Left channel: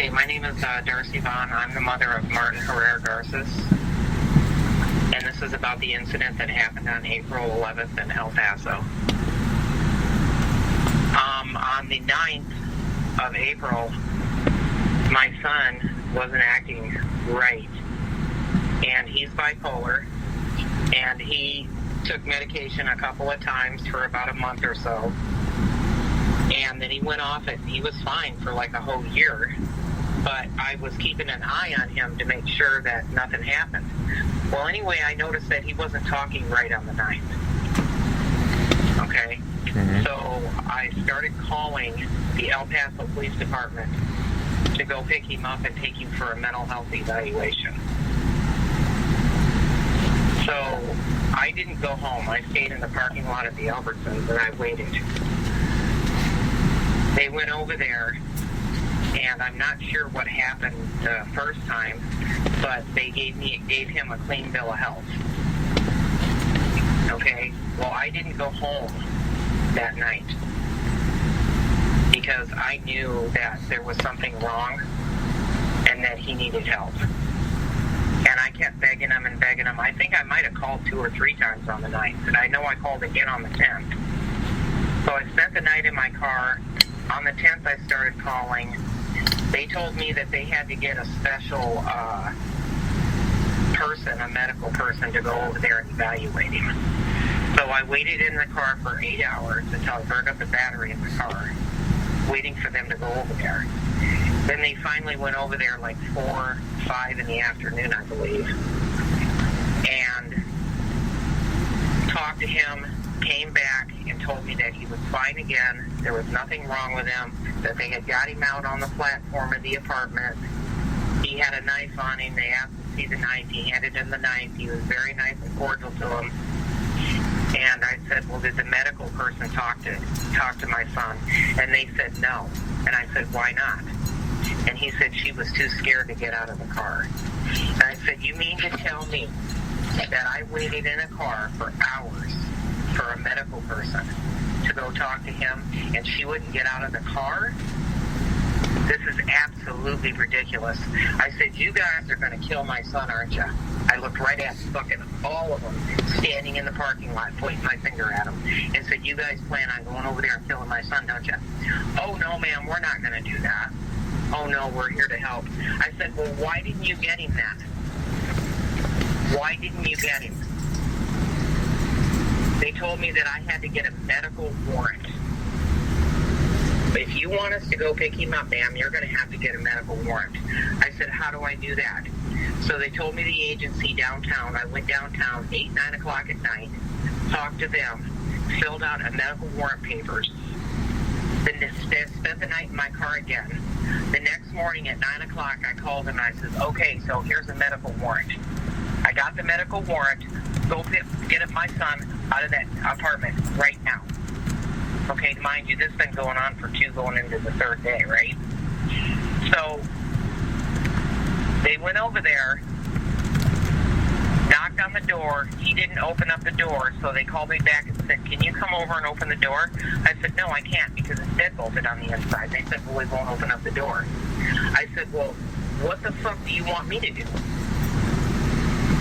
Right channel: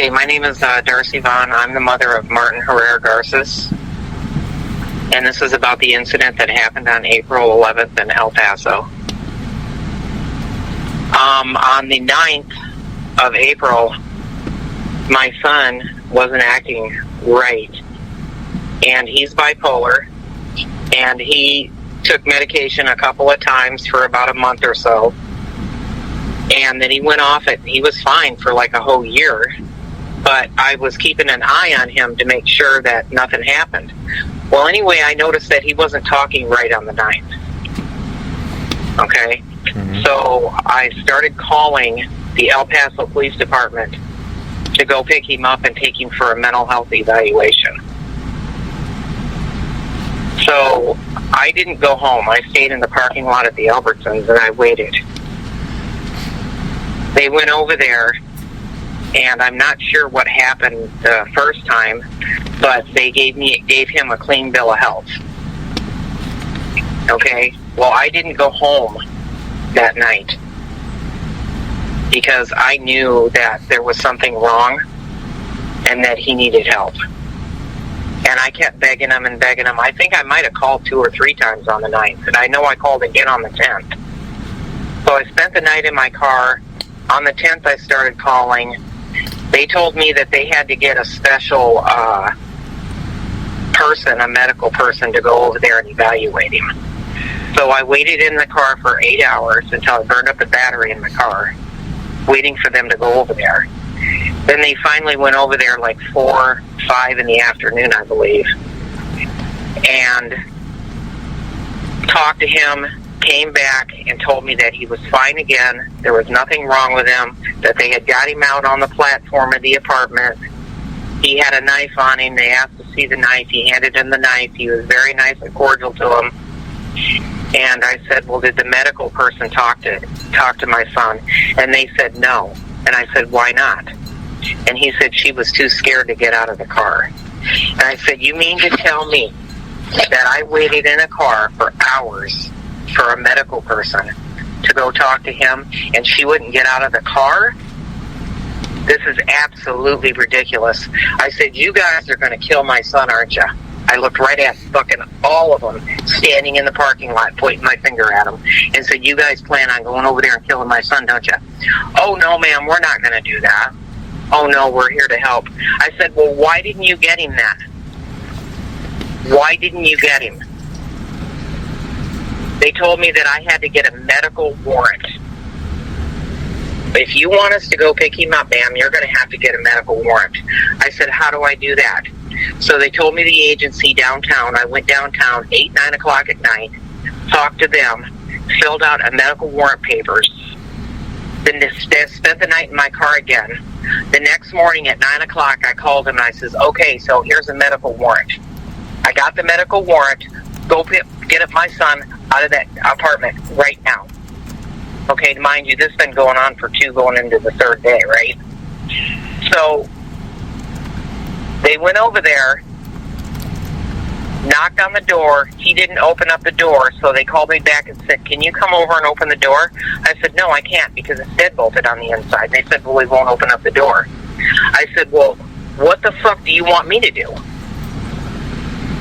Okay, my name is Darcy Vaughn. I'm the mother of Martin Herrera Garcés. And this is about the incident that happened on April 11th in El Paso. On the 9th of April, my son wasn't acting right. And he's bipolar. And he took medication a couple of times for about a month or so. And then he went off it. He was fine for like a whole year. But I was keeping an eye on him to make sure that nothing happened. Well, anyway, I noticed that he wasn't talking right on the 9th. Okay? Mm-hmm. So I started calling the El Paso Police Department to go pick him up and take him for a mental health evaluation. So I didn't go home. I stayed in the parking lot at the Albertsons and I waited. They went over there, and I'm not sure what happened the first time, but they gave him a clean bill of health. Okay? Well, I didn't go home that night because I knew that there was something wrong and that he needed help. And I kept begging him and begging him. I think I might have called 2 or 3 times on the 9th, and I know I called again on the 10th. So I spent the night in my car. On the 10th, I started calling. They told me that they had to get a special person, a medical person, to go over there and evaluate him. So I waited in the car for 8 hours until I burned up the battery in the car, waiting for them to go over there. Then they finally went over there like 4, 5 in the afternoon, I believe, and talked to him, came back and told me that he was fine again. There was nothing wrong with him, that they had got him out on the platform of the apartment. He had a knife on him. They asked to see the knife. He handed him the knife. He was very nice and cordial to him. And I said, well, did the medical person talk to my son? And they said no. And I said, why not? And he said she was too scared to get out of the car. And I said, you mean to tell me that I waited in a car for hours for a medical person to go talk to him and she wouldn't get out of the car? This is absolutely ridiculous. I said, you guys are going to kill my son, aren't you? I looked right at fucking all of them standing in the parking lot, pointing my finger at them, and said, you guys plan on going over there and killing my son, don't you? Oh, no, ma'am, we're not going to do that. Oh, no, we're here to help. I said, well, why didn't you get him then? Why didn't you get him? They told me that I had to get a medical warrant. If you want us to go pick him up, ma'am, you're going to have to get a medical warrant. I said, how do I do that? So they told me the agency downtown. I went downtown 8, 9 o'clock at night, talked to them, filled out a medical warrant papers, then spent the night in my car again. The next morning at 9 o'clock, I called him and I says, okay, so here's a medical warrant. I got the medical warrant. Go get up my son out of that apartment right now. Okay, mind you, this has been going on for 2, going into the 3rd day, right? So they went over there, knocked on the door. He didn't open up the door, so they called me back and said, can you come over and open the door? I said, no, I can't because it's deadbolted on the inside. They said, well, we won't open up the door. I said, well, what the fuck do you want me to do?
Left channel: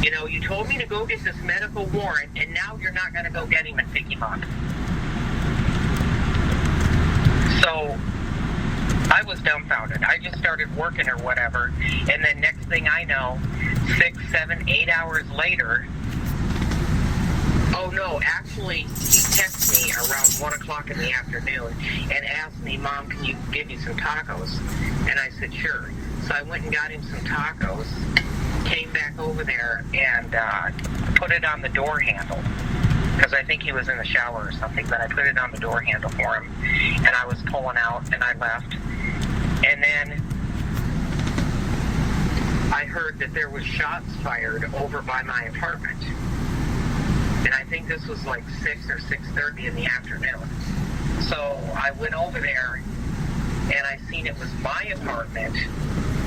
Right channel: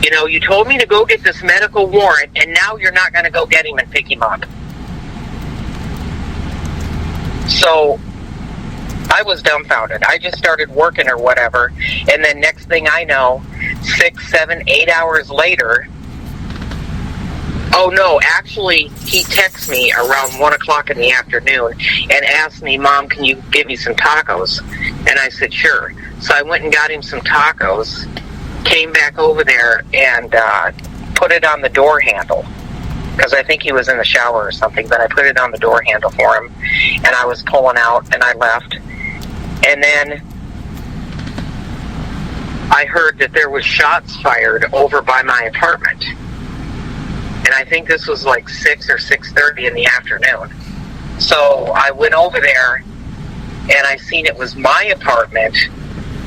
You know, you told me to go get this medical warrant, and now you're not going to go get him and pick him up. So I was dumbfounded. I just started working or whatever, and then next thing I know, 6, 7, 8 hours later, oh no, actually, he texted me around 1 o'clock in the afternoon and asked me, Mom, can you give me some tacos? And I said, sure. So I went and got him some tacos, came back over there and put it on the door handle because I think he was in the shower or something, but I put it on the door handle for him and I was pulling out and I left. And then I heard that there was shots fired over by my apartment. And I think this was like 6 or 6:30 in the afternoon. So I went over there and I seen it was my apartment.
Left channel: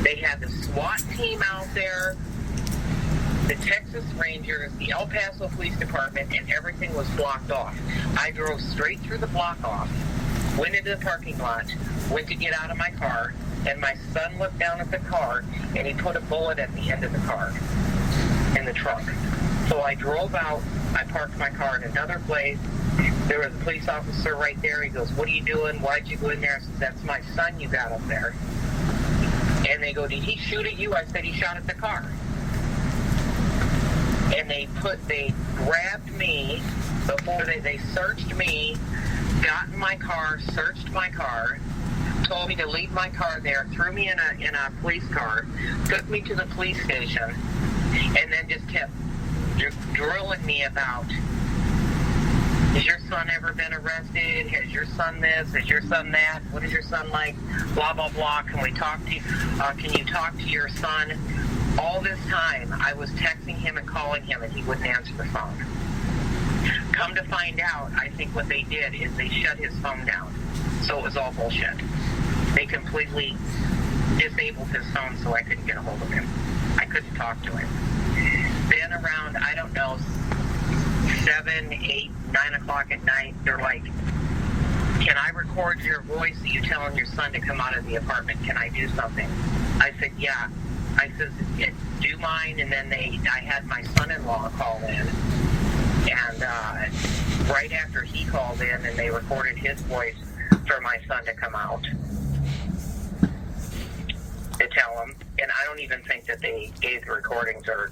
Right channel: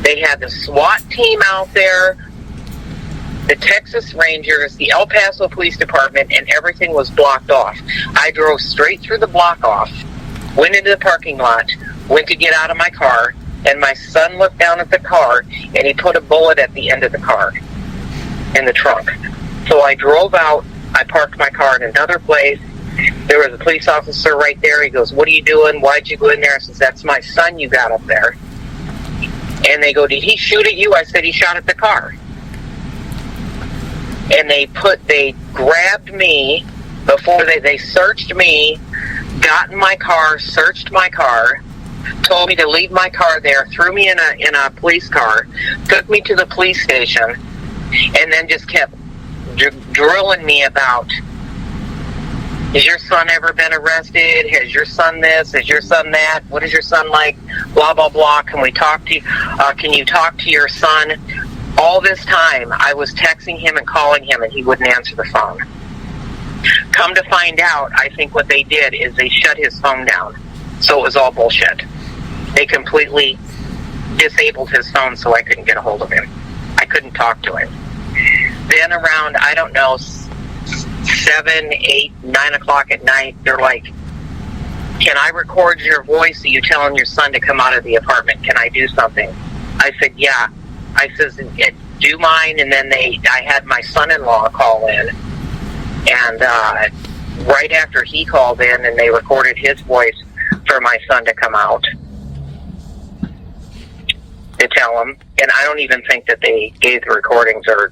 They had the SWAT team out there, the Texas Rangers, the El Paso Police Department, and everything was blocked off. I drove straight through the block off, went into the parking lot, went to get out of my car, and my son looked down at the car, and he put a bullet at the end of the car, in the trunk. So I drove out. I parked my car in another place. There was a police officer right there. He goes, "What are you doing? Why'd you go in there?" I says, "That's my son you got up there." And they go, "Did he shoot at you?" I said, "He shot at the car." And they grabbed me before they searched me, got in my car, searched my car, told me to leave my car there, threw me in a police car, took me to the police station, and then just kept drilling me about, has your son ever been arrested? Has your son this? Has your son that? What is your son like? Blah, blah, blah. Can we talk to you? Can you talk to your son? All this time, I was texting him and calling him, and he wouldn't answer the phone. Come to find out, I think what they did is they shut his phone down. So it was all bullshit. They completely disabled his phone so I couldn't get a hold of him. I couldn't talk to him. Then around, I don't know, 7, 8, 9 o'clock at night, they're like, "Can I record your voice of you telling your son to come out of the apartment? Can I do something?" I said, "Yeah." I says, "Do mine." And then I had my son-in-law call in. And right after he called in, and they recorded his voice for my son to come out to tell him. And I don't even think that they gave the recordings or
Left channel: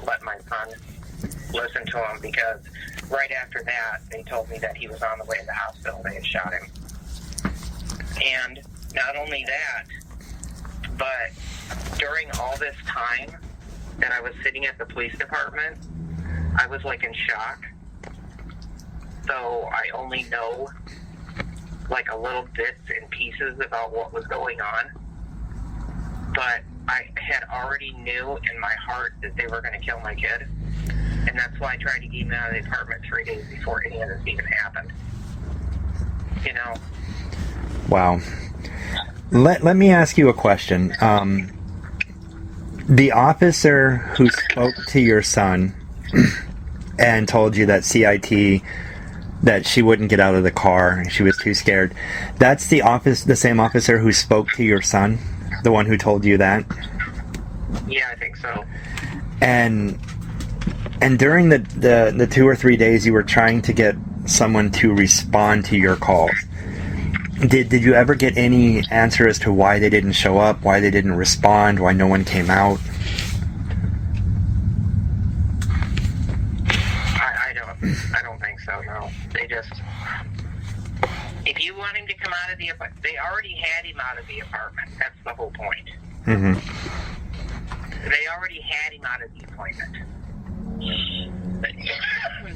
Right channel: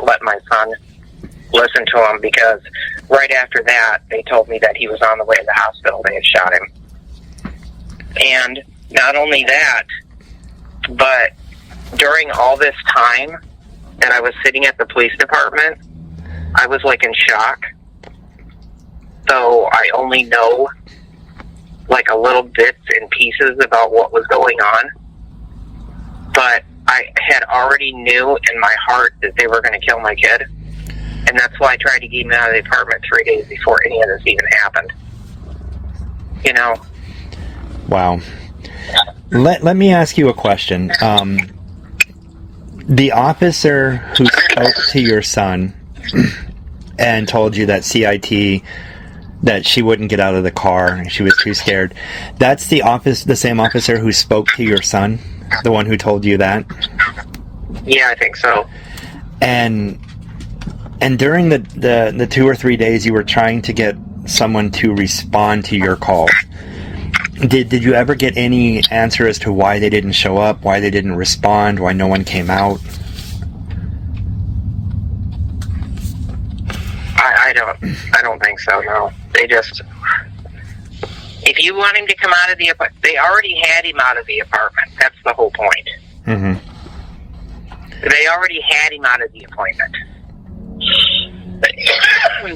let my son listen to them, because right after that, they told me that he was on the way to the hospital. They had shot him. And not only that, but during all this time that I was sitting at the police department, I was like in shock. So I only know like a little bits and pieces about what was going on. But I had already knew in my heart that they were going to kill my kid. And that's why I tried to get him out of the apartment 3 days before any of this even happened. You know? Wow. Let me ask you a question. The officer who spoke to your son and told you that CIT, that she wouldn't get out of the car and she was too scared, that's the same officer who spoke to your son? The one who told you that? Yeah, I think so. And during the 2 or 3 days you were trying to get someone to respond to your calls, did you ever get any answer as to why they didn't show up, why they didn't respond, why no one came out? I don't think so, no. They just, if you want him to come out of the apartment, they already had him out of the apartment. That's the whole point. Mm-hmm. They already had him out of the appointment.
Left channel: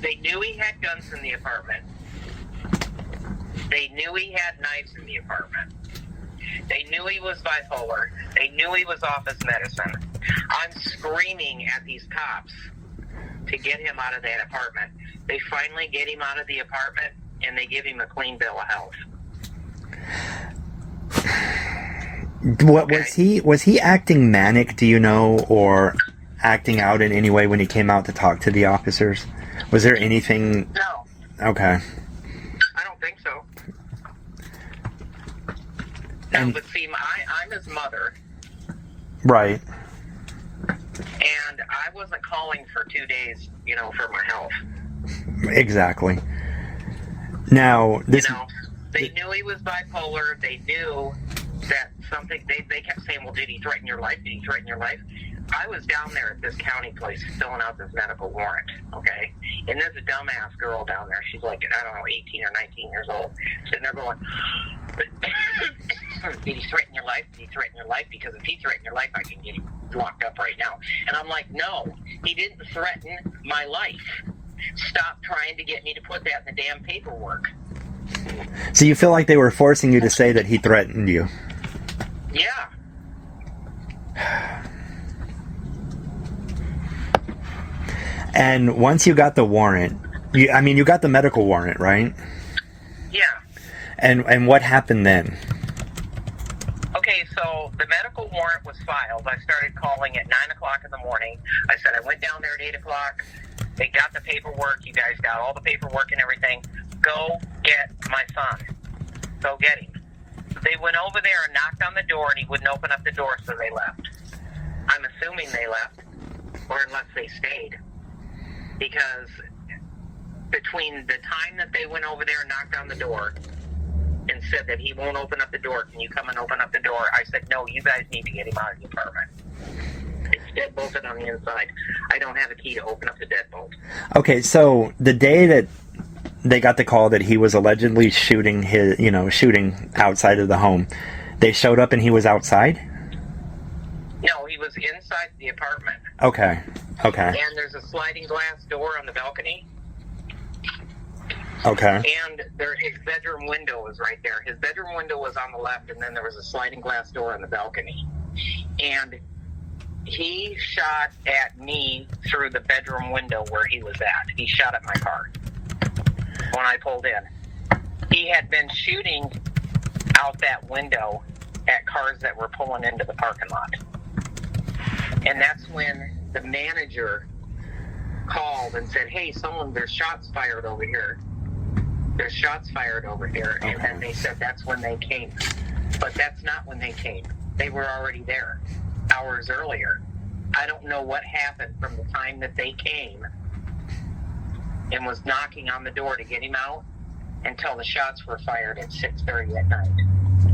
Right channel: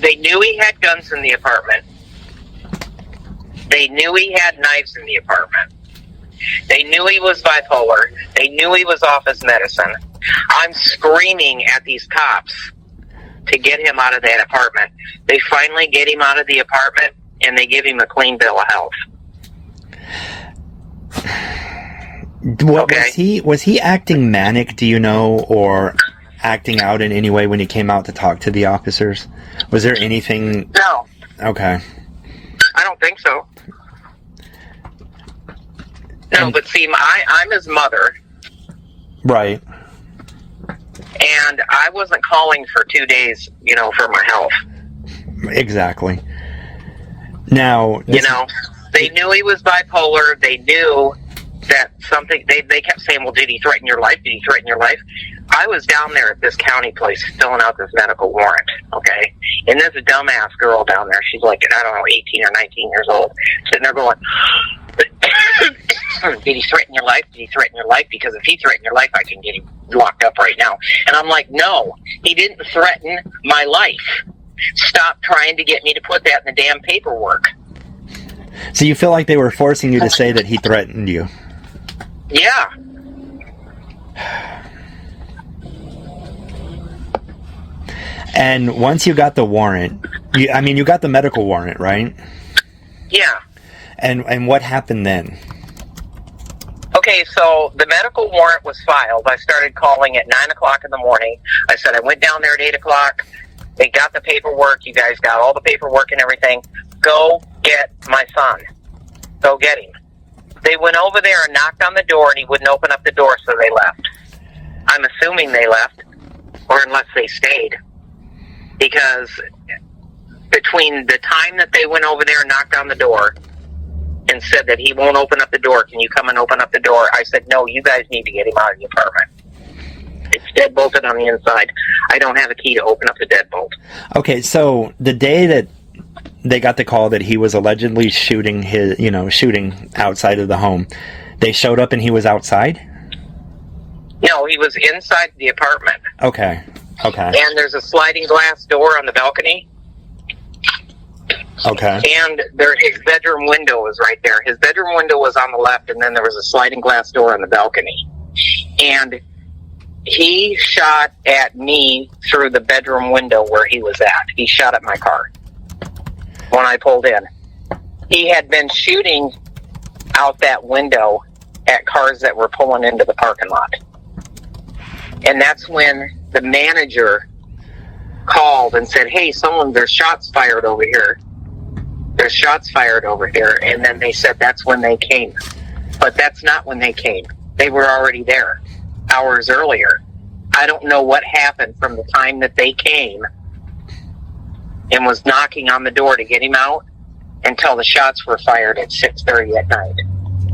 They knew he had guns in the apartment. They knew he had knives in the apartment. They knew he was bipolar. They knew he was off his medicine. I'm screaming at these cops to get him out of that apartment. They finally get him out of the apartment, and they give him a clean bill of health. Was he acting manic, do you know, or acting out in any way when he came out to talk to the officers? Was there anything? No. Okay. I don't think so. No, but see, I'm his mother. Right. And I wasn't calling for 2 days, for my health. Exactly. Now, they knew he was bipolar. They knew that something, they kept saying, well, did he threaten your life? Did he threaten your life? I was down there at this county place filling out this medical warrant, okay? And there's a dumbass girl down there. She's like, I don't know, 18 or 19 years old, sitting there going, did he threaten your life? Did he threaten your life? Because if he threatened your life, I can get him locked up right now. And I'm like, no, he didn't threaten my life. Stop trying to get me to put that in the damn paperwork. So you feel like they were forcing you to say that he threatened you? Yeah. And once you got the warrant, you got the medical warrant, right? Yeah. And what happened then? Okay, so the medical warrant was filed. I started calling at 9 o'clock in the morning. I said I went down there at 8 o'clock. They got the paperwork. You guys got all the paperwork and everything. Go get my son. Go get him. They went over there and knocked on the door, and he wouldn't open up the door, so they left. I'm assuming they left, or unless they stayed, because between the time that they went over there and knocked on the door and said that he won't open up the door, can you come and open up the door? I said, no, you guys need to get him out of the apartment. It's deadbolted on the inside. I don't have a key to open up the deadbolt. Okay, so the day that they got the call that he was allegedly shooting outside of the home, they showed up and he was outside? No, he was inside the apartment. Okay. And there's a sliding glass door on the balcony. Okay. And his bedroom window was right there. His bedroom window was on the left, and then there was a sliding glass door on the balcony. And he shot at me through the bedroom window where he was at. He shot at my car when I pulled in. He had been shooting out that window at cars that were pulling into the parking lot. And that's when the manager called and said, hey, there's shots fired over here. There's shots fired over here. And then they said that's when they came. But that's not when they came. They were already there hours earlier. I don't know what happened from the time that they came and was knocking on the door to get him out until the shots were fired at 6:30 at night.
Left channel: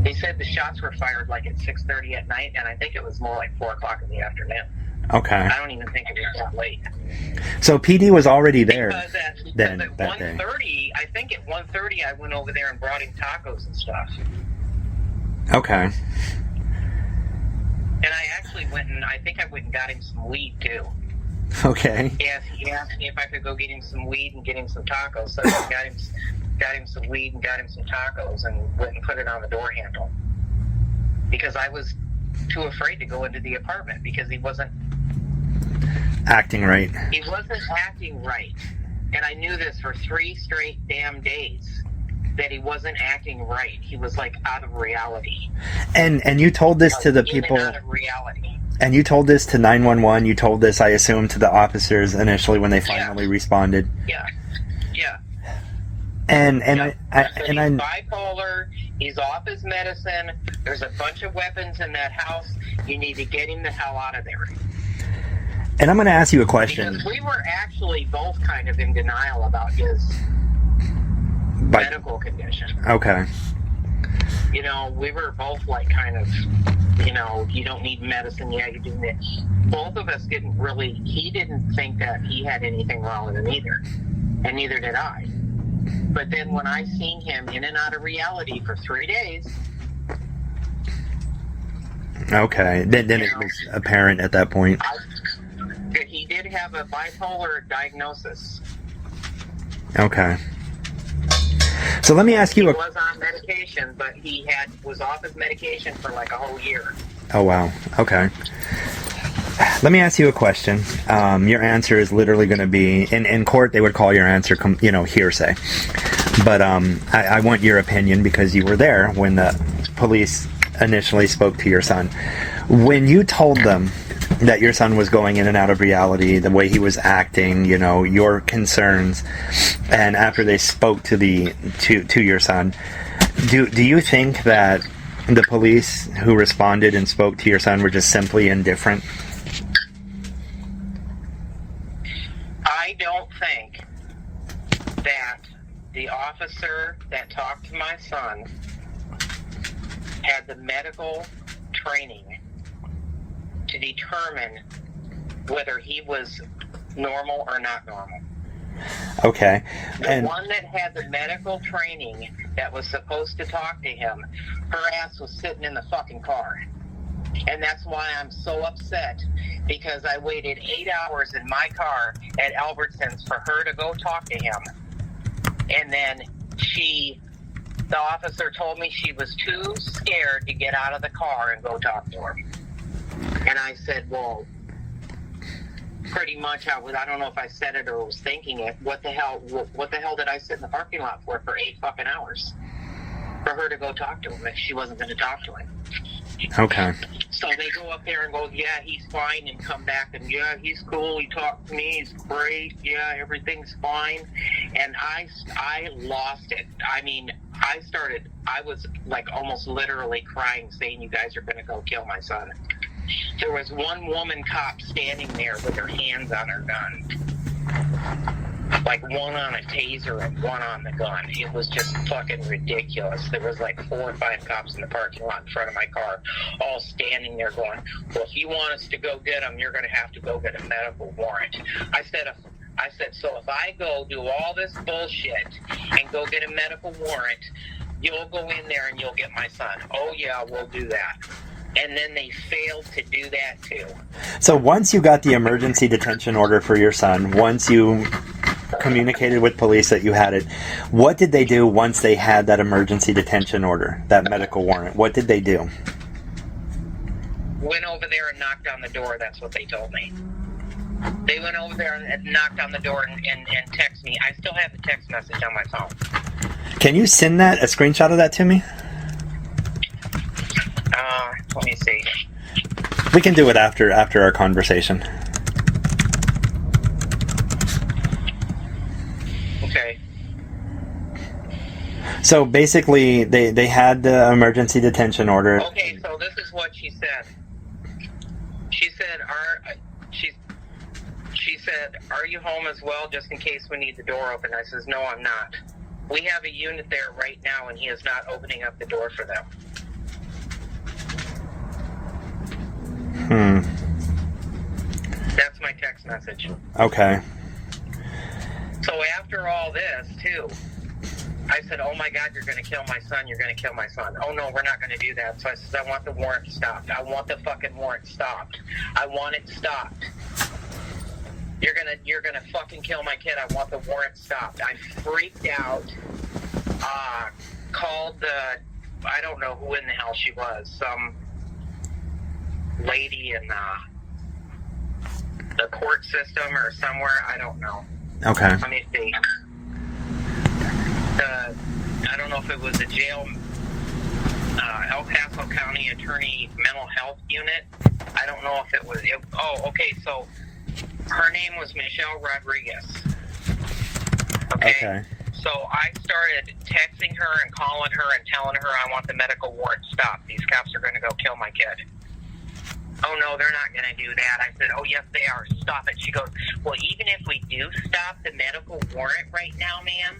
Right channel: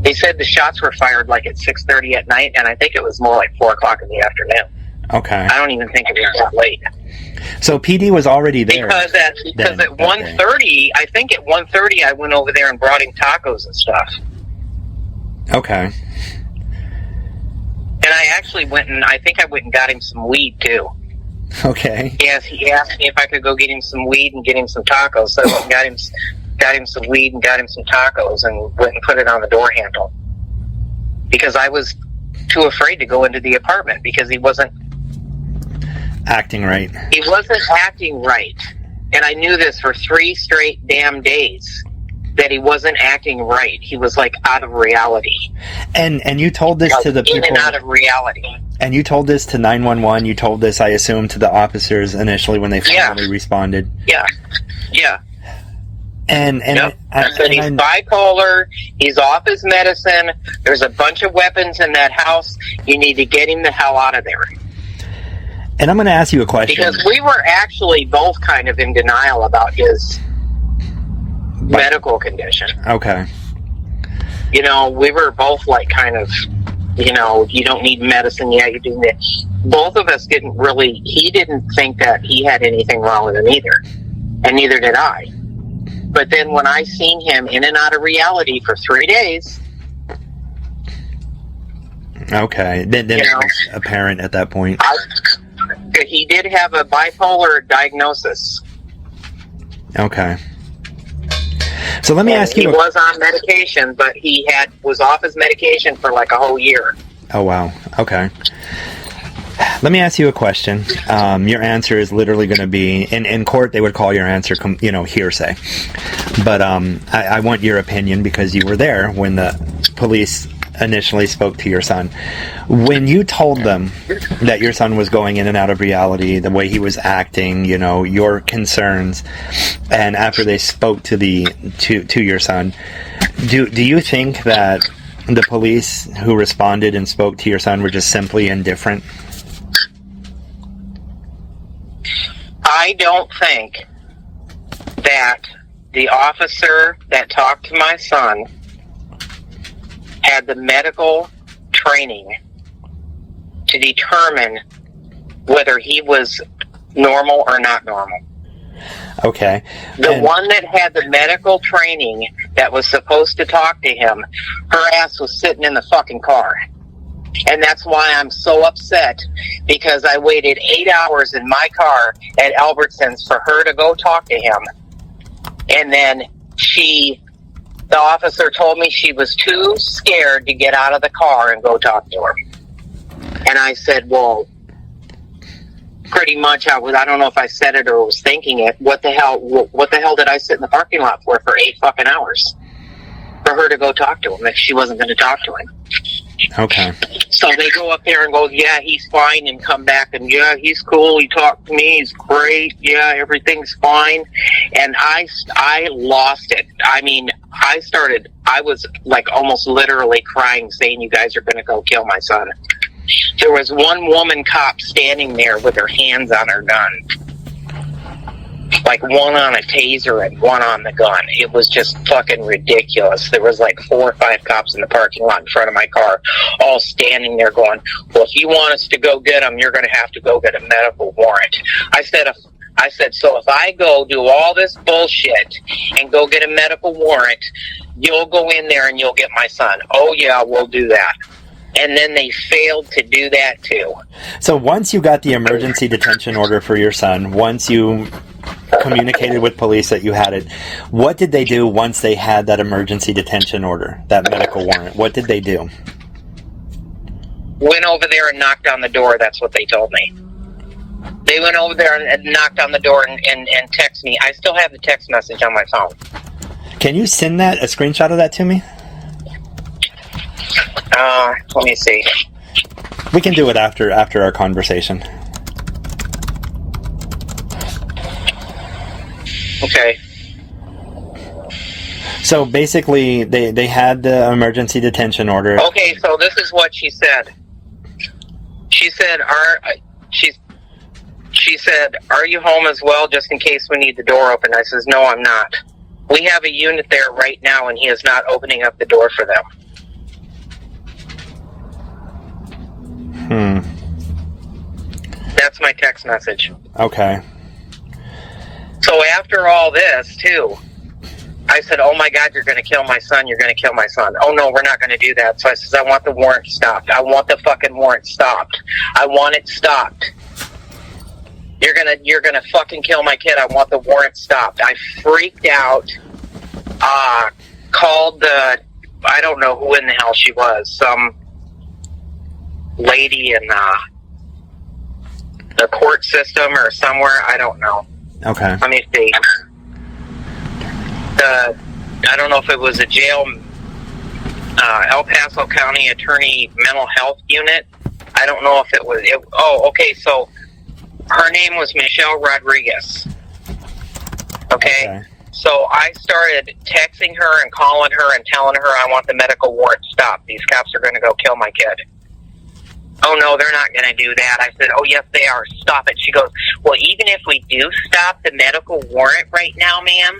They said the shots were fired like at 6:30 at night, and I think it was more like 4 o'clock in the afternoon. Okay. I don't even think it was that late. So PD was already there. Because at 1:30, I think at 1:30 I went over there and brought him tacos and stuff. Okay. And I actually went and got him some weed too. Okay. Yes, he asked me if I could go get him some weed and get him some tacos. So I got him some weed and got him some tacos and went and put it on the door handle. Because I was too afraid to go into the apartment because he wasn't acting right. He wasn't acting right. And I knew this for 3 straight damn days, that he wasn't acting right. He was like out of reality. And you told this to the people. In and out of reality. And you told this to 911. You told this, I assume, to the officers initially when they finally responded. Yeah. And I said he's bipolar. He's off his medicine. There's a bunch of weapons in that house. You need to get him the hell out of there. And I'm going to ask you a question. Because we were actually both kind of in denial about his medical condition. Okay. You know, we were both like kind of, you don't need medicine. Yeah, you do. Both of us he didn't think that he had anything wrong with him either. And neither did I. But then when I seen him in and out of reality for 3 days. Okay. Then it was apparent at that point. He did have a bipolar diagnosis. Okay. So let me ask you. He was on medication, but he was off his medication for like a whole year. Oh, wow. Okay. Let me ask you a question. Your answer is literally going to be, in court, they would call your answer, hearsay. But I want your opinion because you were there when the police initially spoke to your son. When you told them that your son was going in and out of reality, the way he was acting, your concerns, and after they spoke to your son, do you think that the police who responded and spoke to your son were just simply indifferent? I don't think that the officer that talked to my son had the medical training to determine whether he was normal or not normal. Okay. The one that had the medical training that was supposed to talk to him, her ass was sitting in the fucking car. And that's why I'm so upset, because I waited 8 hours in my car at Albertsons for her to go talk to him. And then the officer told me she was too scared to get out of the car and go talk to her. And I said, well, pretty much I don't know if I said it or was thinking it. What the hell did I sit in the parking lot for 8 fucking hours? For her to go talk to him if she wasn't going to talk to him. Okay. So they go up there and go, yeah, he's fine, and come back and, yeah, he's cool. He talked to me. He's great. Yeah, everything's fine. And I lost it. I mean, I was like almost literally crying, saying, you guys are going to go kill my son. There was one woman cop standing there with her hands on her gun. Like one on a taser and one on the gun. It was just fucking ridiculous. There was like 4 or 5 cops in the parking lot in front of my car, all standing there going, well, if you want us to go get him, you're going to have to go get a medical warrant. I said, so if I go do all this bullshit and go get a medical warrant, you'll go in there and you'll get my son. Oh, yeah, we'll do that. And then they failed to do that, too. So once you got the emergency detention order for your son, once you communicated with police that you had it, what did they do once they had that emergency detention order, that medical warrant? What did they do? Went over there and knocked on the door. That's what they told me. They went over there and knocked on the door and texted me. I still have the text message on my phone. Can you send a screenshot of that to me? Let me see. We can do it after our conversation. Okay. So basically, they had the emergency detention order. Okay, so this is what she said. She said, are you home as well, just in case we need the door open? I says, no, I'm not. We have a unit there right now, and he is not opening up the door for them. That's my text message. Okay. So after all this, too, I said, oh my God, you're going to kill my son. You're going to kill my son. Oh no, we're not going to do that. So I says, I want the warrant stopped. I want the fucking warrant stopped. I want it stopped. You're gonna fucking kill my kid. I want the warrant stopped. I freaked out. Called I don't know who in the hell she was. Some lady in the court system or somewhere. I don't know. Okay. Let me see. I don't know if it was a jail, El Paso County Attorney Mental Health Unit. I don't know if it was. Okay. So her name was Michelle Rodriguez. Okay. So I started texting her and calling her and telling her I want the medical warrant stopped. These cops are going to go kill my kid. Oh, no, they're not going to do that. I said, oh, yes, they are. Stop it. She goes, well, even if we do stop the medical warrant right now, ma'am,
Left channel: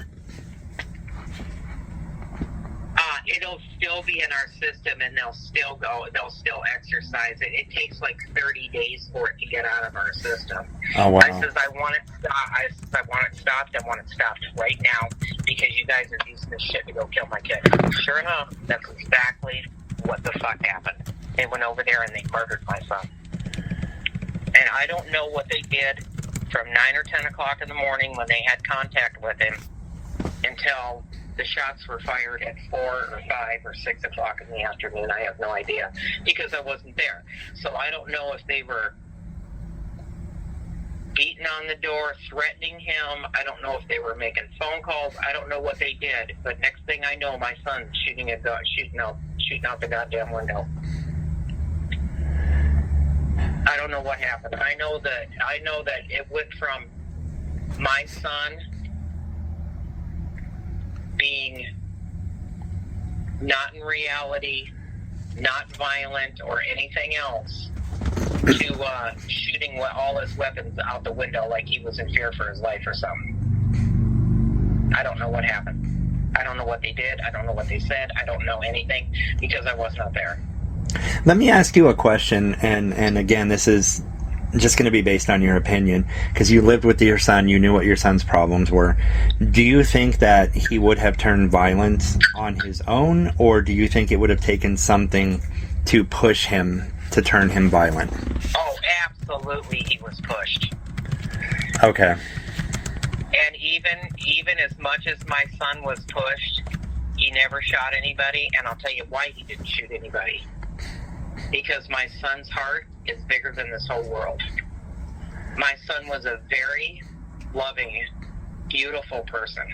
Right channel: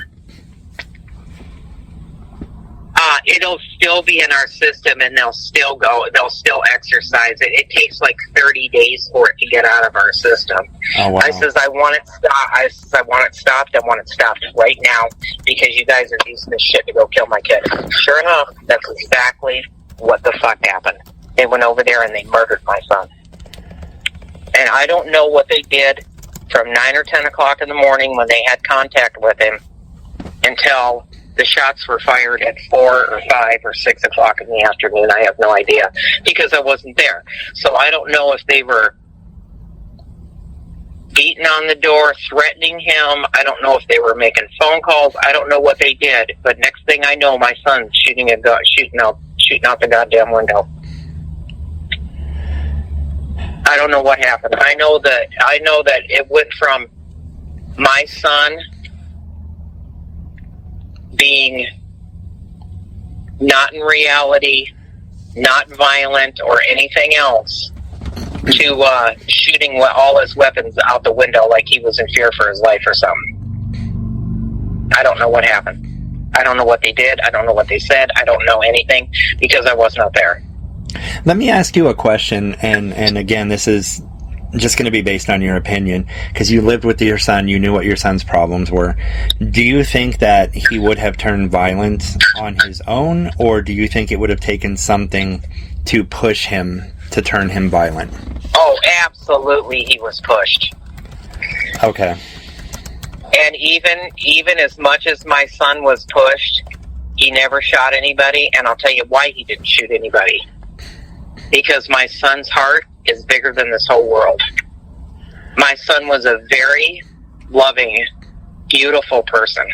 it'll still be in our system and they'll still exercise it. It takes like 30 days for it to get out of our system. Oh, wow. I says, I want it stopped. I want it stopped. I want it stopped right now because you guys are using this shit to go kill my kid. Sure enough, that's exactly what the fuck happened. They went over there and they murdered my son. And I don't know what they did from 9 or 10 o'clock in the morning when they had contact with him until the shots were fired at 4 or 5 or 6 o'clock in the afternoon. I have no idea because I wasn't there. So I don't know if they were beating on the door, threatening him. I don't know if they were making phone calls. I don't know what they did. But next thing I know, my son's shooting out the goddamn window. I don't know what happened. I know that it went from my son being not in reality, not violent or anything else, to shooting all his weapons out the window like he was in fear for his life or something. I don't know what happened. I don't know what they did. I don't know what they said. I don't know anything because I was not there. Let me ask you a question, and again, this is just going to be based on your opinion, because you lived with your son, you knew what your son's problems were. Do you think that he would have turned violent on his own, or do you think it would have taken something to push him to turn him violent? Oh, absolutely, he was pushed. Okay. And even as much as my son was pushed, he never shot anybody, and I'll tell you why he didn't shoot anybody. Because my son's heart is bigger than this whole world. My son was a very loving, beautiful person.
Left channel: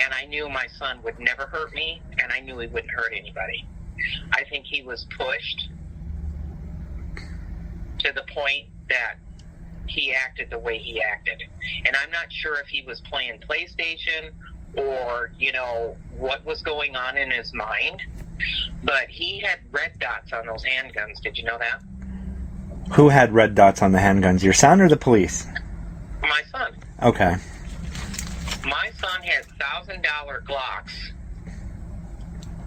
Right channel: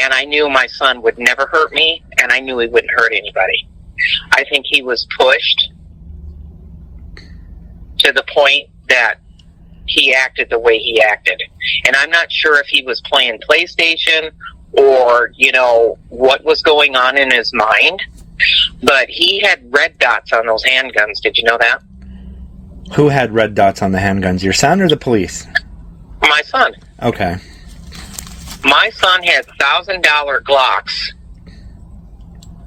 And I knew my son would never hurt me, and I knew he wouldn't hurt anybody. I think he was pushed to the point that he acted the way he acted. And I'm not sure if he was playing PlayStation or, what was going on in his mind. But he had red dots on those handguns. Did you know that? Who had red dots on the handguns? Your son or the police? My son. Okay. My son had $1,000 Glocks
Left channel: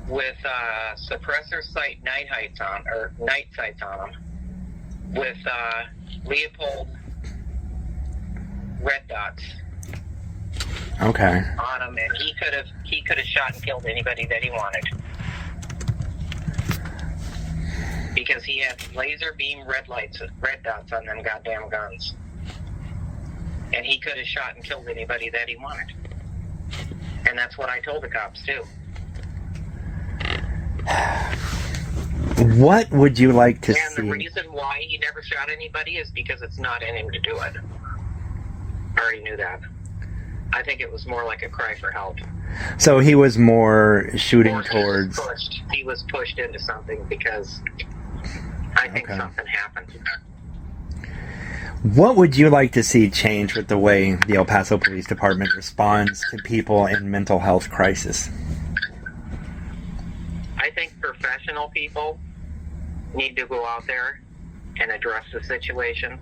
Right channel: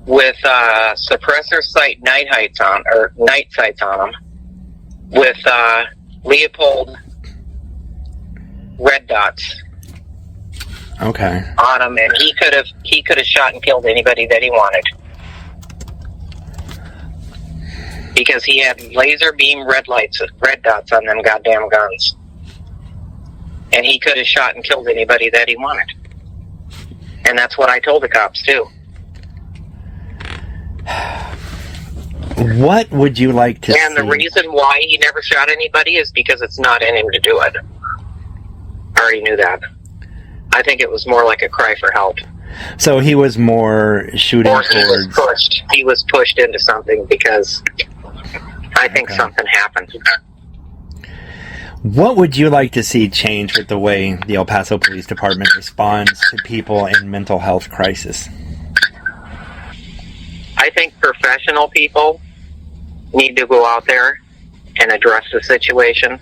with suppressor sight night sights on them, with Leopold red dots. Okay. On them, and he could have shot and killed anybody that he wanted, because he had laser beam red dots on them goddamn guns, and he could have shot and killed anybody that he wanted. And that's what I told the cops too. What would you like to see? And the reason why he never shot anybody is because it's not in him to do it. I already knew that. I think it was more like a cry for help. So he was more shooting Or towards... He was pushed into something because I think something happened. What would you like to see change with the way the El Paso Police Department responds to people in mental health crisis? I think professional people need to go out there and address the situation.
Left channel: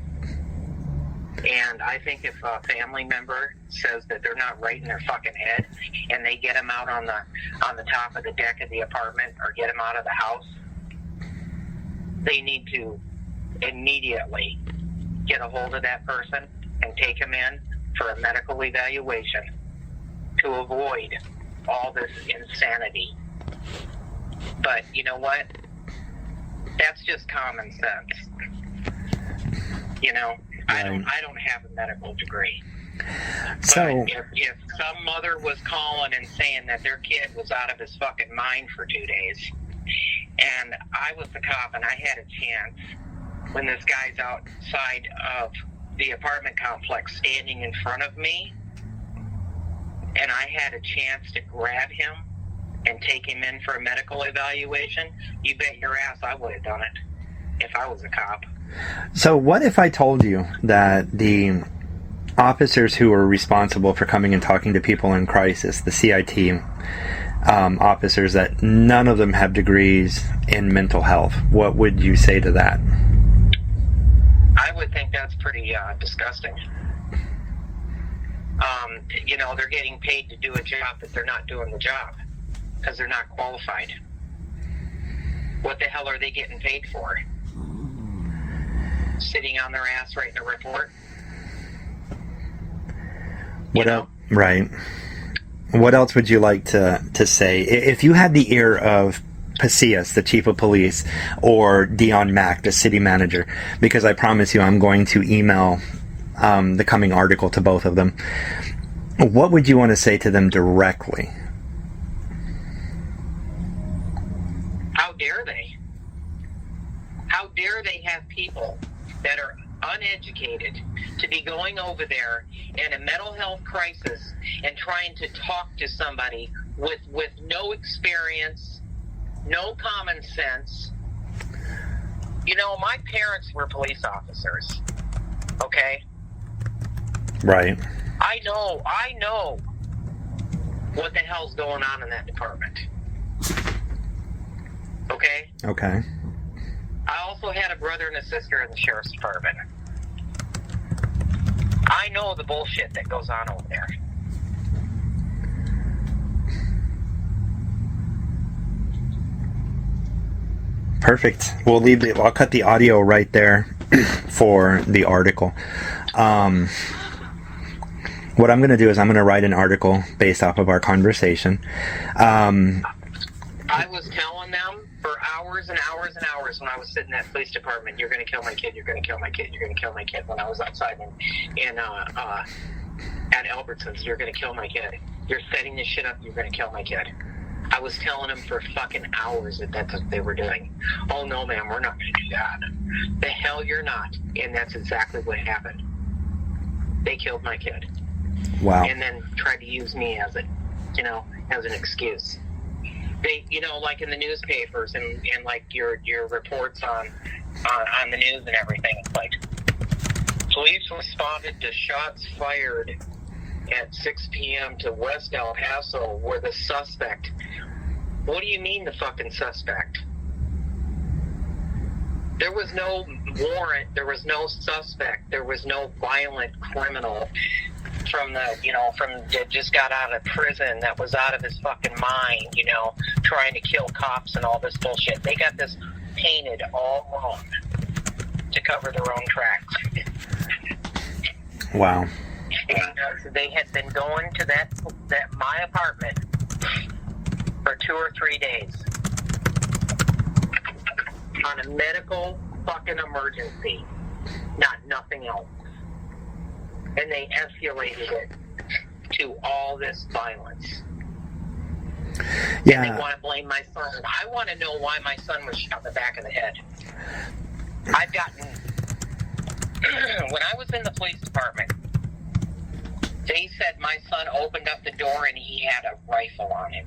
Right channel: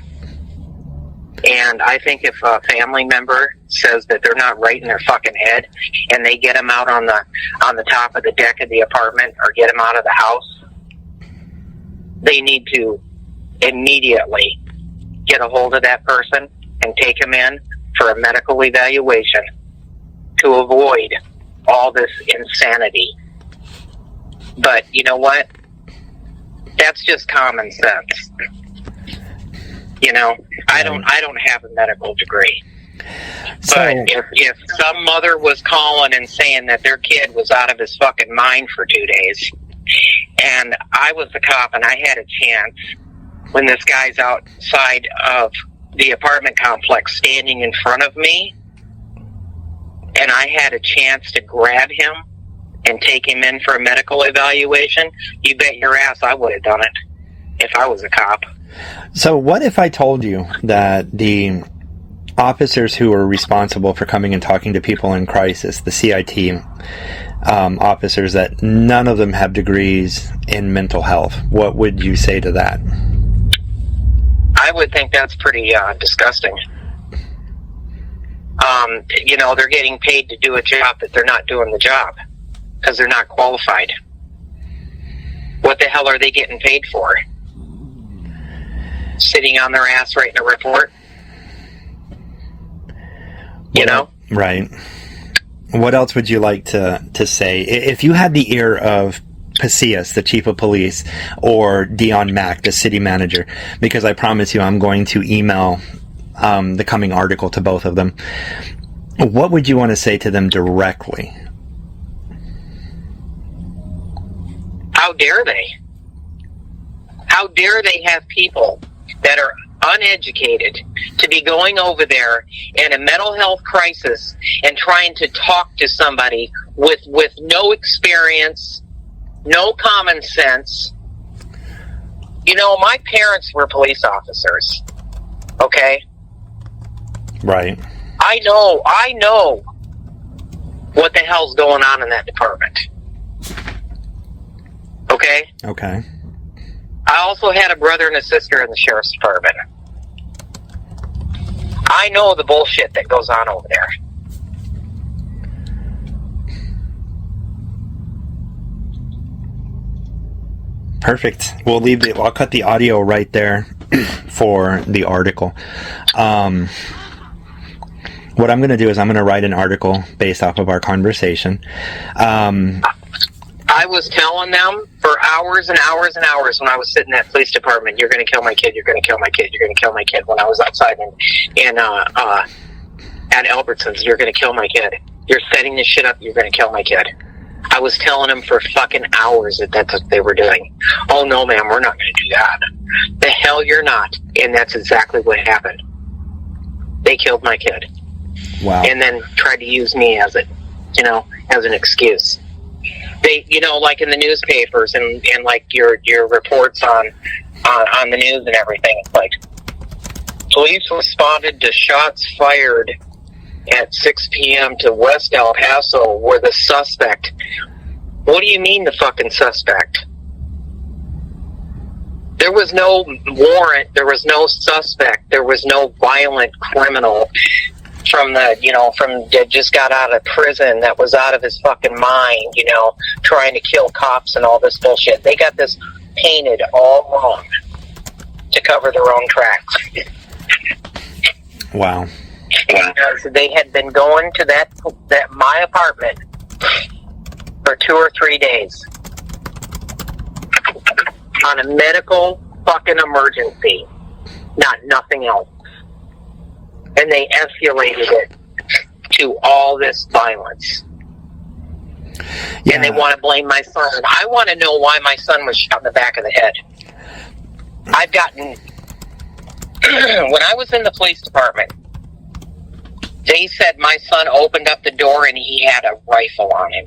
And I think if a family member says that they're not right in their fucking head, and they get them out on the top of the deck of the apartment or get them out of the house, they need to immediately get a hold of that person and take him in for a medical evaluation to avoid all this insanity. But you know what? That's just common sense. I don't have a medical degree. So, But if some mother was calling and saying that their kid was out of his fucking mind for 2 days, and I was the cop and I had a chance, when this guy's outside of the apartment complex standing in front of me, and I had a chance to grab him and take him in for a medical evaluation, you bet your ass I would have done it if I was a cop. so what if I told you that the officers who are responsible for coming and talking to people in crisis, the CIT officers, that none of them have degrees in mental health? What would you say to that? I would think that's pretty disgusting. They're getting paid to do a job that they're not doing the job because they're not qualified. What the hell are they getting paid for? Sitting on their ass writing a report? Right. What else would you like to say? If you had the ear of Pasillas, the chief of police, or Dion Mack, the city manager, because I promise you I'm going to email the coming article to both of them, what would you want to say to them directly? How dare they? How dare they have people that are uneducated to be going over there in a mental health crisis and trying to talk to somebody with no experience, no common sense. My parents were police officers, okay? Right. I know what the hell's going on in that department. Okay? Okay. I also had a brother and a sister in the sheriff's department. I know the bullshit that goes on over there. Perfect. I'll cut the audio right there for the article. What I'm going to do is I'm going to write an article based off of our conversation. I was telling them for hours and hours and hours when I was sitting in that police department, you're going to kill my kid, you're going to kill my kid, you're going to kill my kid. When I was outside at Albertsons, you're going to kill my kid. You're setting this shit up, you're going to kill my kid. I was telling them for fucking hours that that's what they were doing. Oh, no, ma'am, we're not going to do that. The hell you're not. And that's exactly what happened. They killed my kid. Wow. And then tried to use me as an excuse. They, like in the newspapers and like your reports on the news and everything, it's like, police responded to shots fired at 6 p.m. to West El Paso where the suspect... What do you mean the fucking suspect? There was no warrant. There was no suspect. There was no violent criminal that just got out of prison that was out of his fucking mind, trying to kill cops and all this bullshit. They got this painted all wrong to cover their own tracks. Wow. Because they had been going to that my apartment for 2 or 3 days on a medical fucking emergency, nothing else. And they escalated it to all this violence. Yeah. And they want to blame my son. I want to know why my son was shot in the back of the head. I've gotten... when I was in the police department, they said my son opened up the door and he had a rifle on him.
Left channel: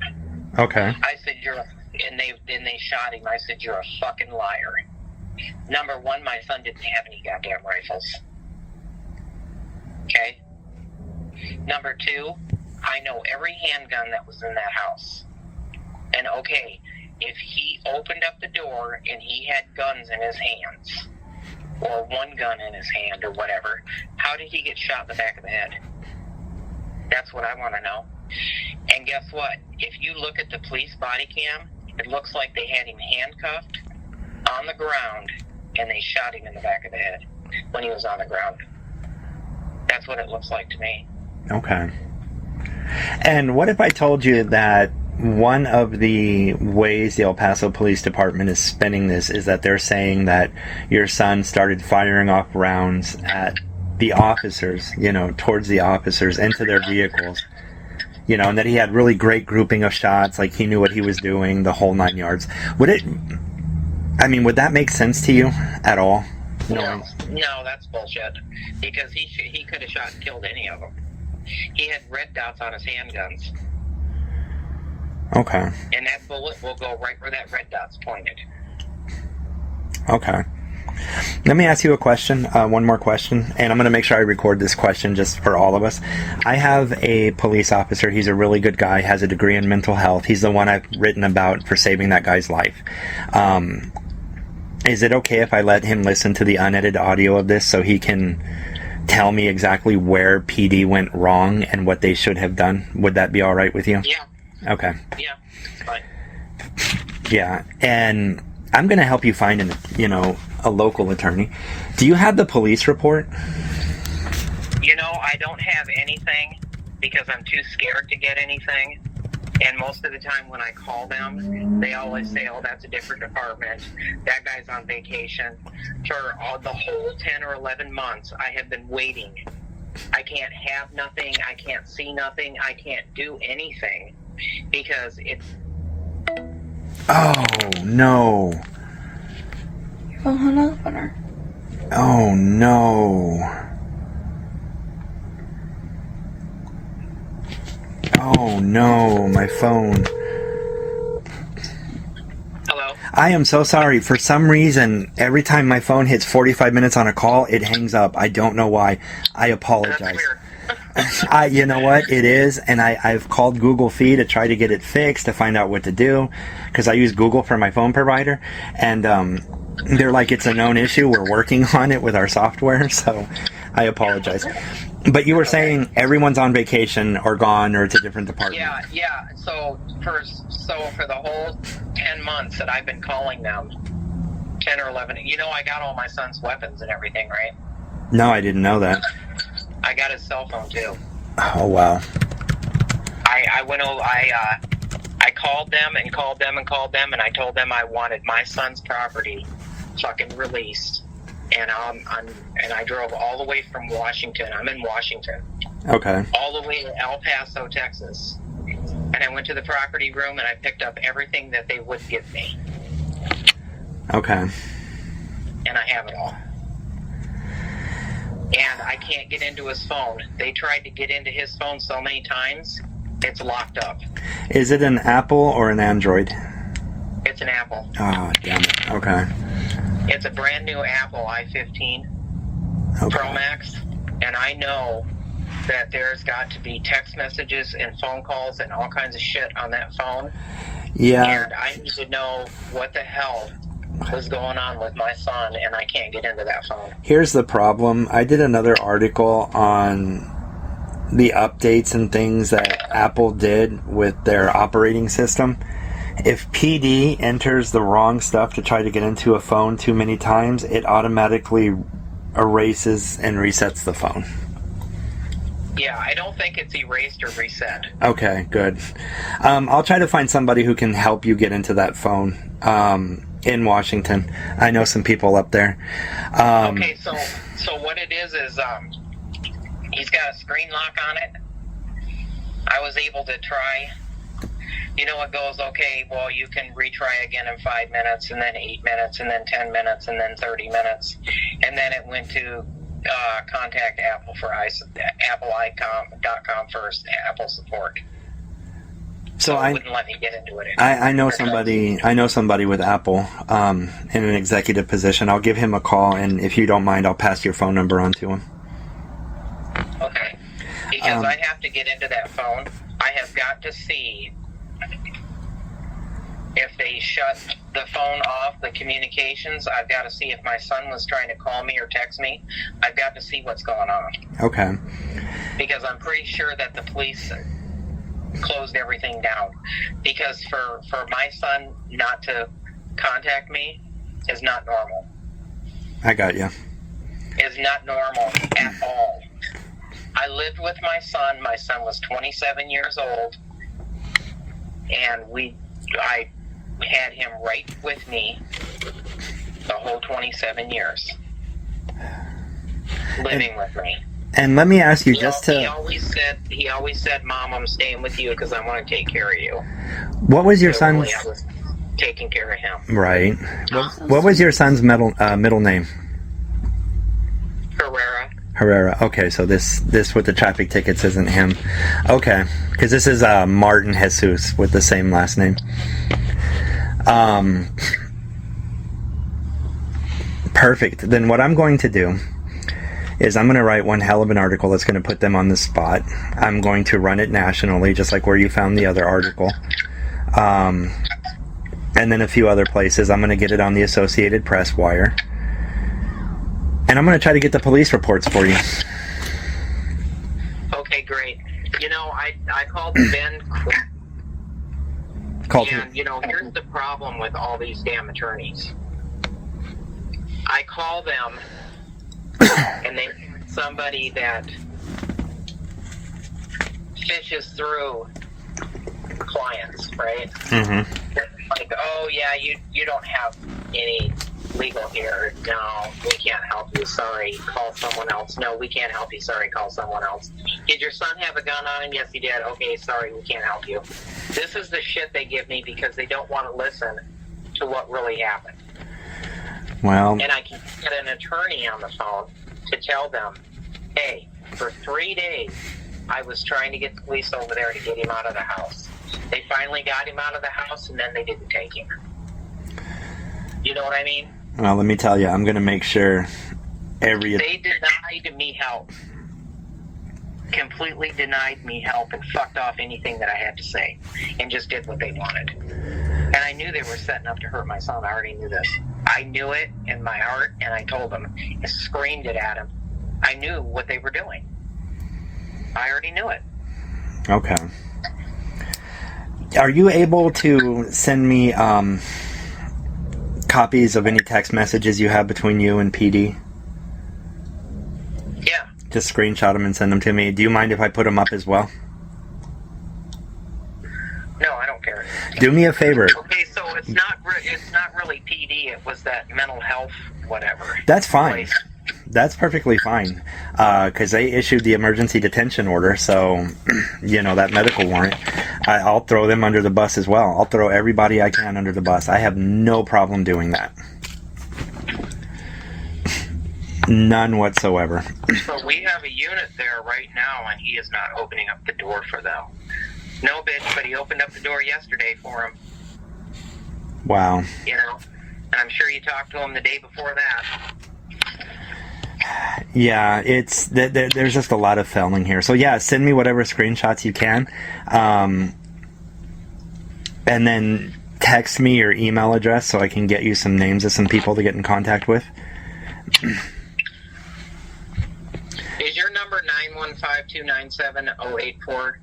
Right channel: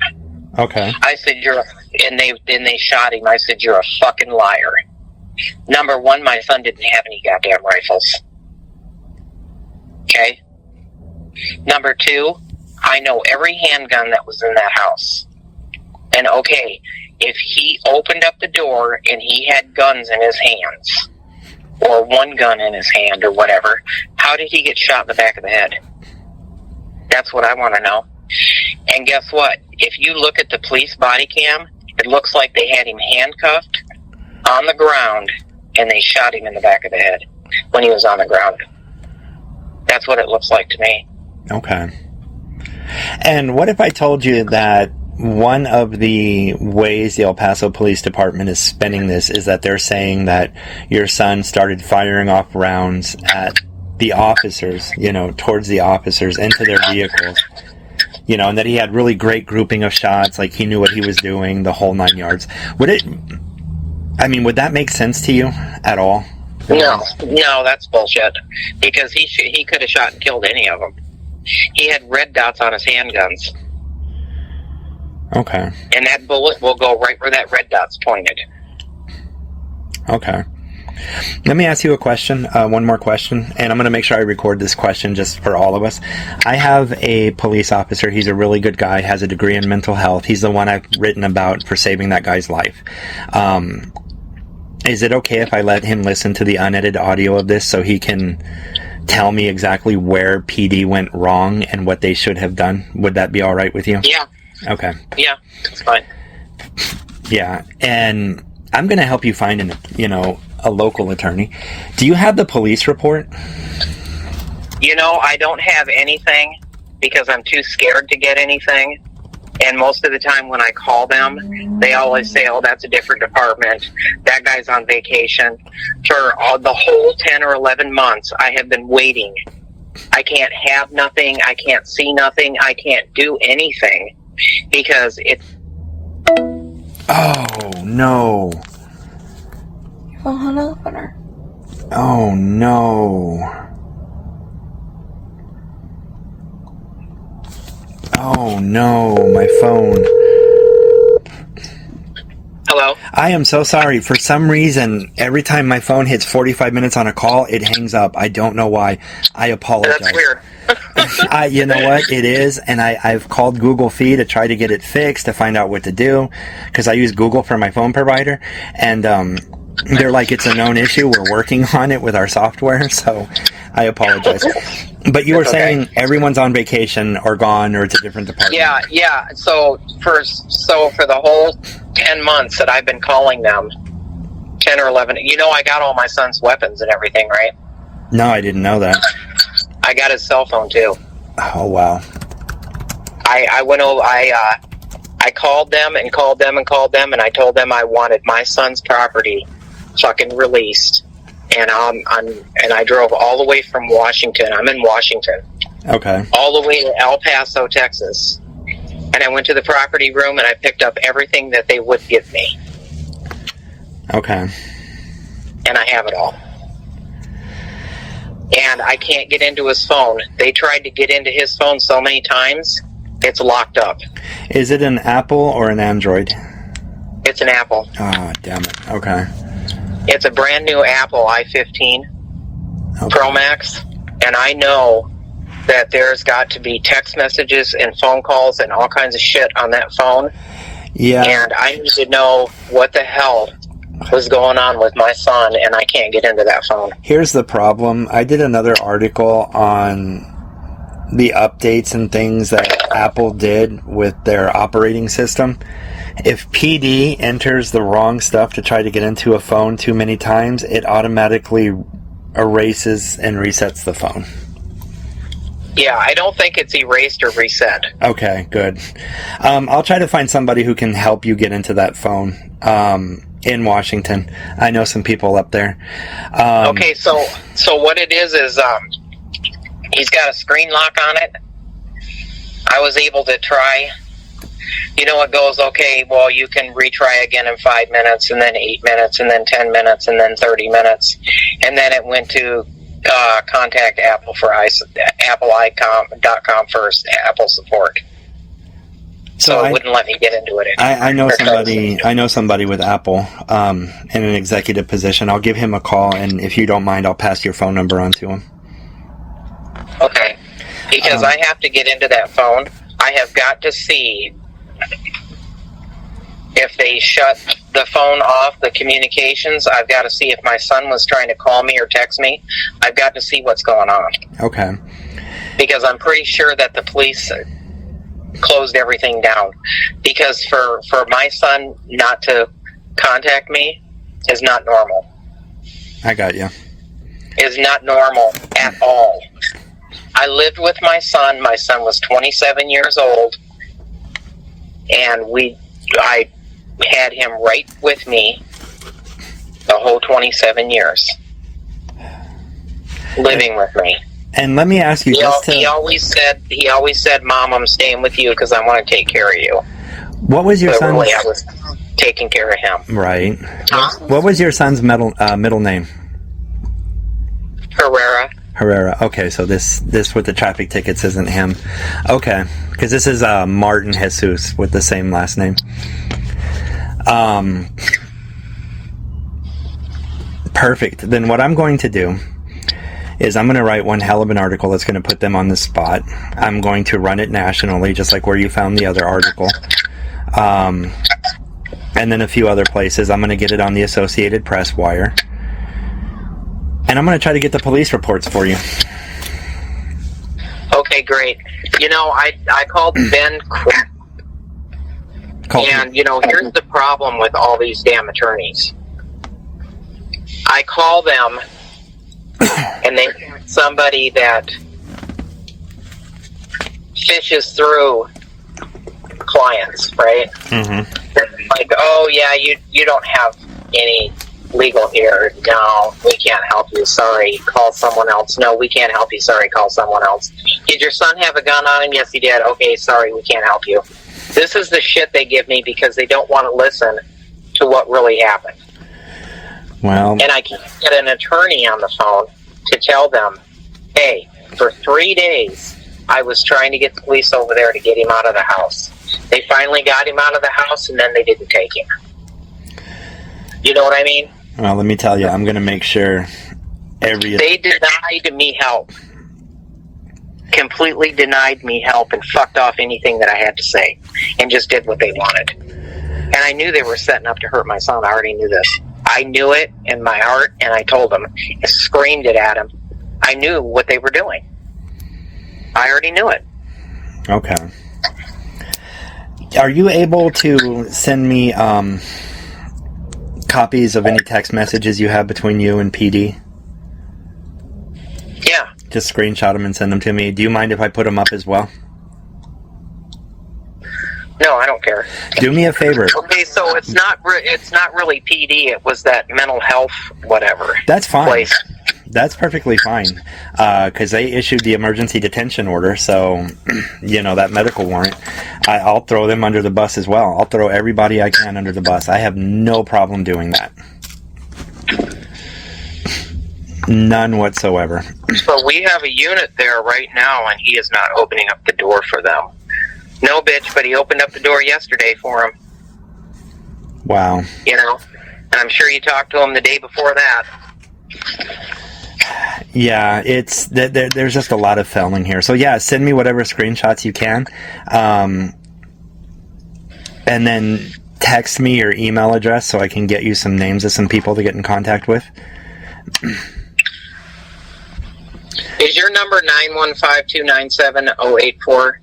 Okay. I said, and they shot him. I said, you're a fucking liar. Number one, my son didn't have any goddamn rifles. Okay? Number two, I know every handgun that was in that house. And okay, if he opened up the door and he had guns in his hands, or one gun in his hand or whatever, how did he get shot in the back of the head? That's what I want to know. And guess what? If you look at the police body cam, it looks like they had him handcuffed on the ground and they shot him in the back of the head when he was on the ground. That's what it looks like to me. Okay. And what if I told you that one of the ways the El Paso Police Department is spinning this is that they're saying that your son started firing off rounds at the officers, towards the officers, into their vehicles, and that he had really great grouping of shots, like he knew what he was doing, the whole 9 yards. Would that make sense to you at all? No, that's bullshit. Because he could have shot and killed any of them. He had red dots on his handguns. Okay. And that bullet will go right where that red dot's pointed. Okay. Let me ask you a question, one more question, and I'm going to make sure I record this question just for all of us. I have a police officer. He's a really good guy, has a degree in mental health. He's the one I've written about for saving that guy's life. Is it okay if I let him listen to the unedited audio of this so he can tell me exactly where PD went wrong and what they should have done? Would that be all right with you? Yeah. Okay. Yeah, it's fine. Yeah, and I'm going to help you find a local attorney. Do you have the police report? I don't have anything because I'm too scared to get anything. And most of the time when I call them, they always say, oh, that's a different department. That guy's on vacation. For the whole 10 or 11 months, I have been waiting. I can't have nothing. I can't see nothing. I can't do anything because it's... Oh, no. Phone hung up on her. Oh, no. Oh, no, my phone. Hello? I am so sorry. For some reason, every time my phone hits 45 minutes on a call, it hangs up. I don't know why. I apologize. That's weird. You know what? It is, and I've called Google Fee to try to get it fixed, to find out what to do, because I use Google for my phone provider, and they're like, it's a known issue. We're working on it with our software, so I apologize. But you were saying everyone's on vacation or gone or it's a different department. Yeah. So for the whole 10 months that I've been calling them, 10 or 11, I got all my son's weapons and everything, right? No, I didn't know that. I got his cell phone too. Oh, wow. I went over, I called them and called them and called them, and I told them I wanted my son's property fucking released. And I drove all the way from Washington. I'm in Washington. Okay. All the way to El Paso, Texas. And I went to the property room and I picked up everything that they would give me. Okay. And I have it all. And I can't get into his phone. They tried to get into his phone so many times, it's locked up. Is it an Apple or an Android? It's an Apple. Oh, damn it. Okay. It's a brand new Apple i15 Pro Max, and I know that there's got to be text messages and phone calls and all kinds of shit on that phone. Yeah. And I need to know what the hell was going on with my son, and I can't get into that phone. Here's the problem. I did another article on the updates and things that Apple did with their operating system. If PD enters the wrong stuff to try to get into a phone too many times, it automatically erases and resets the phone. Yeah, I don't think it's erased or reset. Okay, good. I'll try to find somebody who can help you get into that phone in Washington. I know some people up there. Okay, so what it is he's got a screen lock on it. I was able to try. You know, it goes, okay, well, you can retry again in 5 minutes, and then 8 minutes, and then 10 minutes, and then 30 minutes. And then it went to contact Apple for appleicom.com first, Apple support. So it wouldn't let me get into it anymore. I know somebody. I know somebody with Apple in an executive position. I'll give him a call, and if you don't mind, I'll pass your phone number on to him. Okay, because I have to get into that phone. I have got to see if they shut the phone off, the communications. I've got to see if my son was trying to call me or text me. I've got to see what's going on. Okay. Because I'm pretty sure that the police closed everything down. Because for my son not to contact me is not normal. I got you. Is not normal at all. I lived with my son. My son was 27 years old. And I had him right with me the whole 27 years, living with me. And let me ask you, He always said, "Mom, I'm staying with you because I want to take care of you." What was your son's? Really, I was taking care of him. Right. What was your son's middle name? Herrera. Okay, so this with the traffic tickets isn't him. Okay, because this is Martin Jesus with the same last name. Perfect. Then what I'm going to do is I'm going to write one hell of an article that's going to put them on the spot. I'm going to run it nationally, just like where you found the other article. And then a few other places. I'm going to get it on the Associated Press wire. And I'm going to try to get the police reports for you. Okay, great. You know, I called Ben, and, you know, here's the problem with all these damn attorneys. I call them, and they have somebody that fishes through clients, right? Mm-hmm. Like, oh, yeah, you don't have any legal here. No, we can't help you. Sorry, call someone else. No, we can't help you. Sorry, call someone else. Did your son have a gun on him? Yes, he did. Okay, sorry, we can't help you. This is the shit they give me because they don't want to listen to what really happened. Well, and I can't get an attorney on the phone to tell them, hey, for 3 days, I was trying to get the police over there to get him out of the house. They finally got him out of the house, and then they didn't take him. You know what I mean? Well, let me tell you, I'm going to make sure They denied me help. Completely denied me help and fucked off anything that I had to say and just did what they wanted. And I knew they were setting up to hurt my son. I already knew this. I knew it in my heart, and I told them. I screamed it at him. I knew what they were doing. I already knew it. Okay. Are you able to send me copies of any text messages you have between you and PD? Yeah. Just screenshot them and send them to me. Do you mind if I put them up as well? No, I don't care. Do me a favor. Okay, so it's not really PD. It was that mental health whatever. That's fine. Place. That's perfectly fine. Because they issued the emergency detention order, so you know that medical warrant. I'll throw them under the bus as well. I'll throw everybody I can under the bus. I have no problem doing that. None whatsoever. So we have a unit there right now, and he is not opening up the door for them. No, bitch, but he opened up the door yesterday for him. Wow. You know, and I'm sure you talked to him the day before that. Yeah, it's there's just a lot of filming here. So yeah, send me whatever screenshots you can, and then text me your email address so I can get you some names of some people to get in contact with. Is your number 915-297-0847?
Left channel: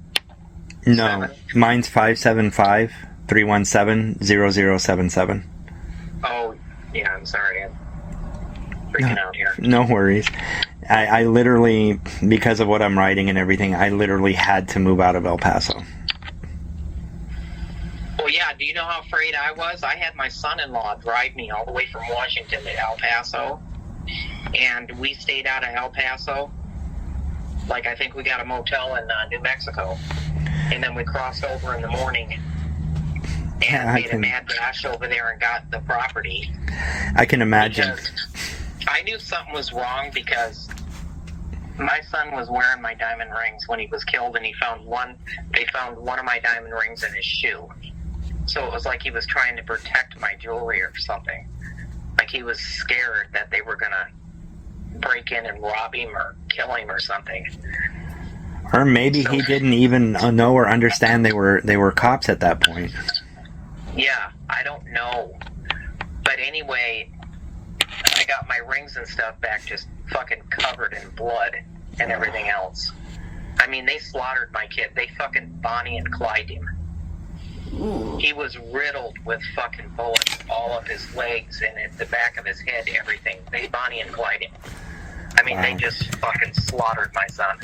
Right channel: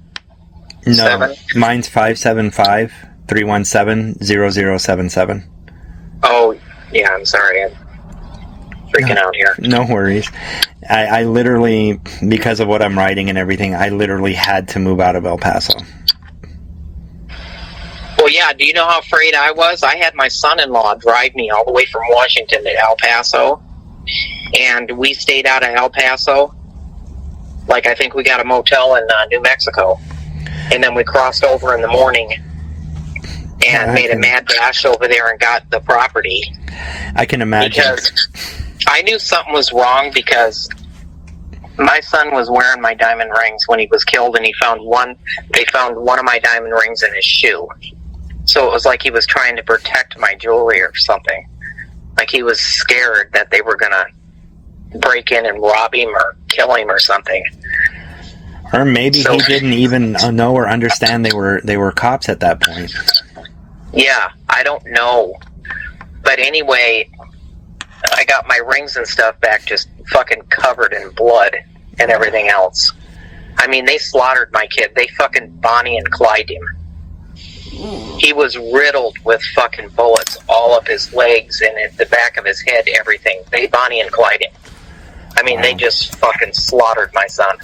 No, mine's 575-317-0077. Oh, yeah, I'm sorry. I'm freaking out here. No worries. I literally, because of what I'm writing and everything, I literally had to move out of El Paso. Well, yeah, do you know how afraid I was? I had my son-in-law drive me all the way from Washington to El Paso, and we stayed out of El Paso. Like, I think we got a motel in New Mexico, and then we crossed over in the morning and made a mad dash over there and got the property. I can imagine. Because I knew something was wrong because my son was wearing my diamond rings when he was killed, and they found one of my diamond rings in his shoe. So it was like he was trying to protect my jewelry or something. Like he was scared that they were going to break in and rob him or kill him or something. Or maybe he didn't even know or understand they were cops at that point. Yeah, I don't know. But anyway, I got my rings and stuff back just fucking covered in blood and everything else. I mean, they slaughtered my kid. They fucking Bonnie and Clyde him. He was riddled with fucking bullets all up his legs and at the back of his head, everything. They Bonnie and Clyde him. I mean, They just fucking slaughtered my son.